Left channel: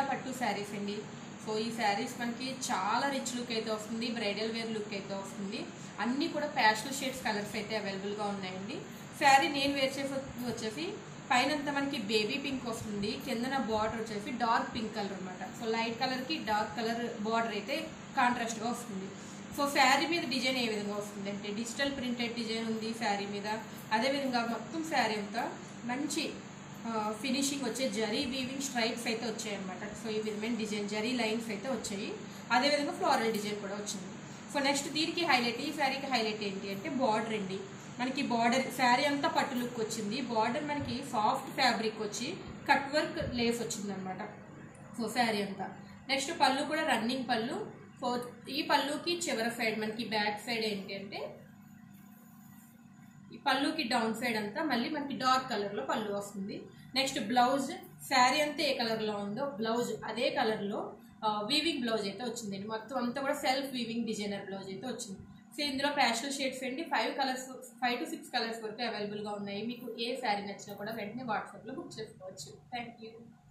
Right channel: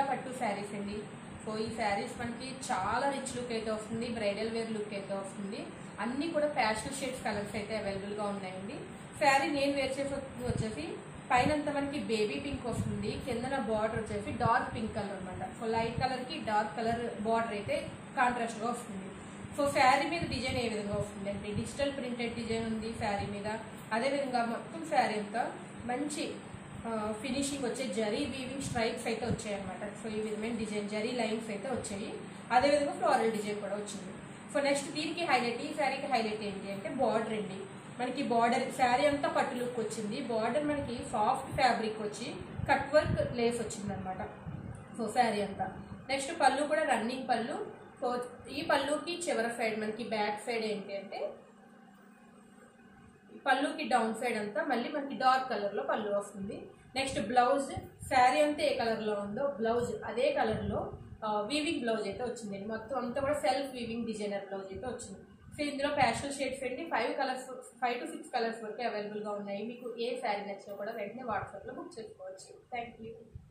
ప్రియా పట్టు శారీస్ అండి. సో ఈ శారీస్ మనకి చాలా రిచ్ లుక్ అయితే వస్తుంది, బ్రైడల్ వేర్ లుక్ అయితే వస్తుంది. అన్నీ కూడా ప్యాస్టల్ షేడ్స్ కలర్స్ అయితే అవైలబుల్గా ఉన్నాయండి. శారీ నేను వేర్ చేసి వచ్చేసి పైనంతా మనకి బేబీ పింక్ వస్తుంది, కిందన బార్డర్ వచ్చేసి డార్క్ పింక్ కలర్ అనమాట. సో లైట్ కలర్కి డార్క్ కలర్ బార్డర్ అయితే కాంట్రాస్ట్గా వస్తుంది. సో శారీ మీద డిజైన్ ఏ విధంగా వస్తుంది అంటే డిజిటల్ ప్రింటెడ్ డిజైన్ ఉంది శారీ మీద. అదేవిధంగా మొత్తం శారీ అంతా మంచి ఫినిషింగ్ వచ్చే జరీ వీవింగ్ స్ట్రైప్స్ అయితే వచ్చాయి అనమాట. సో ఈ విధమైన డిజైన్ జరీ లైన్స్ అయితే వచ్చాయి. అదేవిధంగా ఫ్లోరల్ డిజైన్ కూడా వచ్చింది. సో నెక్స్ట్ దీనికి హైలైట్, ఈ శారీకి హైలైట్ ఏంటి అంటే బార్డర్ అండి. మనకి బార్డర్ శారీ అంతా పట్టు లుక్ వచ్చింది, బార్డర్ మనకి సాఫ్ట్ ఫ్యాబ్రిక్ వచ్చి కట్ వర్క్ లేస్ వచ్చింది అనమాట. సో శారీ అంతా నెక్స్ట్ పళ్ళు కూడా రన్నింగ్ పళ్ళు. సో ఈ పళ్ళుకి చివరి సైడ్ మనకి బ్యాక్ సైడ్ ఏంటి అంటే ఈ పళ్ళుకి డౌన్ సైడ్ అంతా మళ్ళీ మనకి డార్క్ కలర్లో పళ్ళు వస్తుంది. నెక్స్ట్ బ్లౌజ్ శారీ అంతా ఏ కలర్లో ఉందో బ్లౌజ్ అదే కలర్లో వీవింగ్ బ్లౌజ్ అయితే వచ్చిందండి. మొత్తం అంతా కూడా సెల్ఫ్ వీవింగ్ డిజైనర్ బ్లౌజ్ అయితే వచ్చింది. సో ఇందులో ప్యాస్టల్ షేడ్స్ అండి 5 to 6 కలర్స్ వరకు అవైలబుల్గా ఉన్నాయి. మీకు ఏ శారీ నచ్చినా కూడా వెంటనే వాట్సాప్లో బుక్ చేసుకోవచ్చు. Thank you.